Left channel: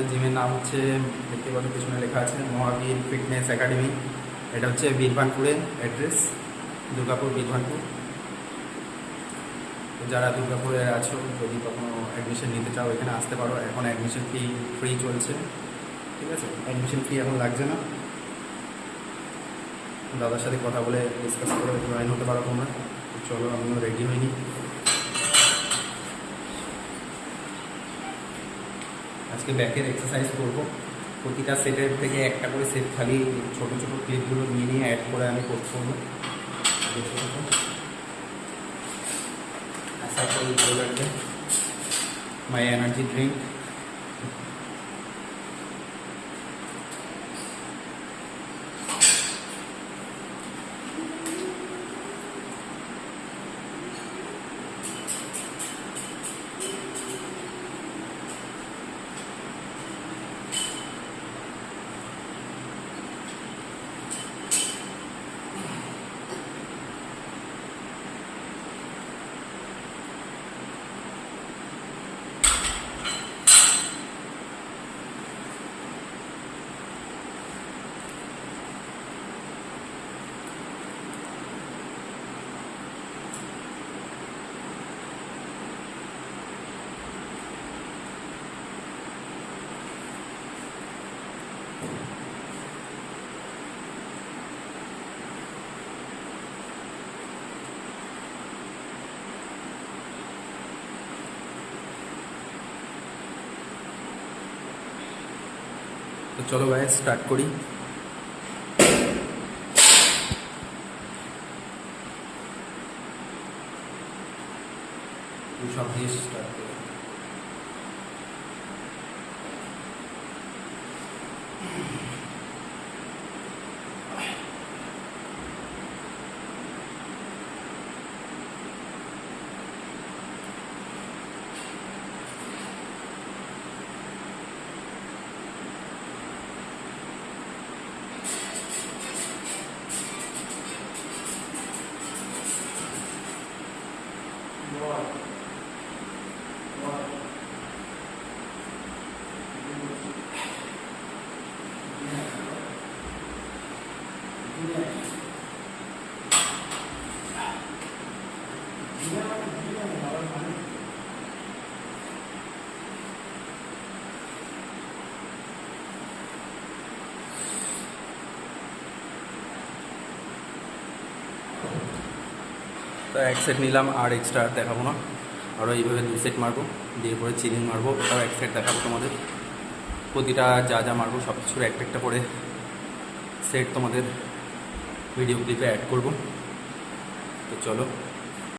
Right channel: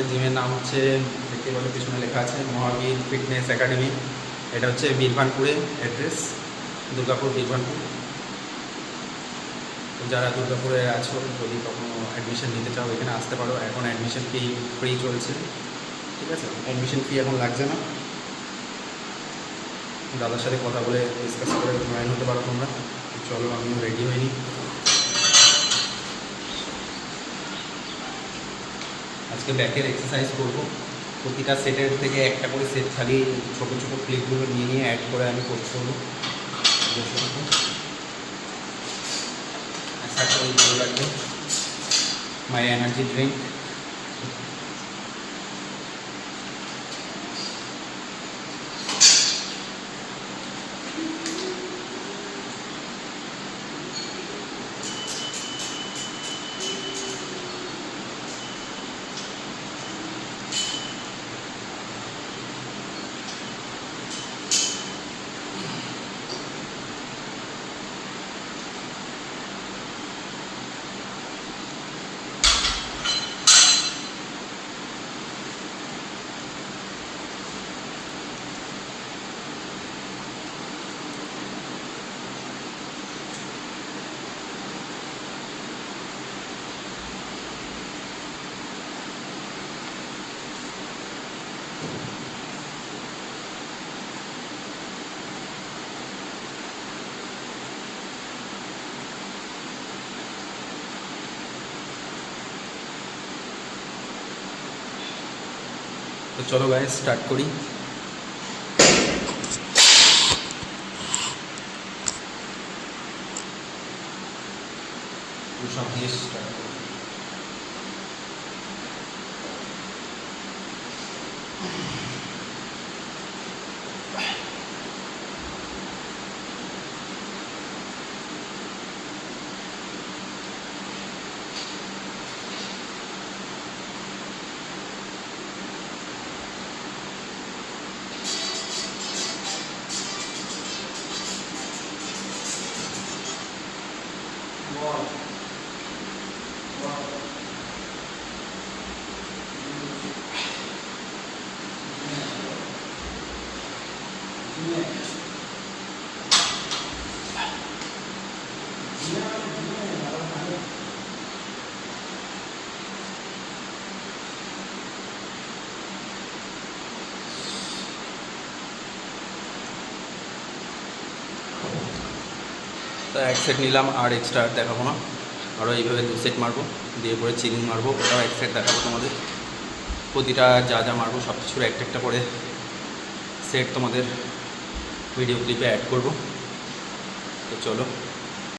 আমাদের জিমের নাম হচ্ছে, দেখতে পাচ্ছি পিছনে লেখা আছে মহাবীর ফিটনেস একাডেমি। এটা হচ্ছে বীরভানপুরে অ্যাড্রেস, দুর্গাপুর বীরভানপুর। তো যারা দুর্গাপুরে আছো, যদি কখনো অ্যাডমিশন নিতে চাও এখানে আসতে পারো। এখন অ্যাডমিশন ফি ফ্রি চলছে, ঠিক আছে? অ্যাডমিশন ফি এখন লাগছে না। দাদার সাথে কথা বলে ডিসকাস করে জয়েন হতে পারো তোমরা। চলো, আমিও রেডি হইনি। আজকে ব্যাকের এক্সারসাইজ করবো। প্রতিটা সেটের থেকে একটা করে সেট খালি ছোটো ছোটো ক্লিপগুলো নিয়ে নিয়ে অ্যাড করে আমি করতে করবো। আশা করি ভালো লাগবে। My energy drink. তো চলো গাইস, স্টার্ট করি। সব দিয়ে স্টার্ট করি। তো এক সেট নিলাম, আর এক্সট্রা দেখাবো না। আরও এইভাবে 2 সেট মারবো, দিয়ে পরে চিলিং মারবো। ওটাও এক সেট দেখাবো তোমাদের। প্রতিটা যা যা মারবো সব কিছুর একটা একটা করে সেট তোমাদের ভিডিও ক্লিপে অ্যাড করবো। তো চলো।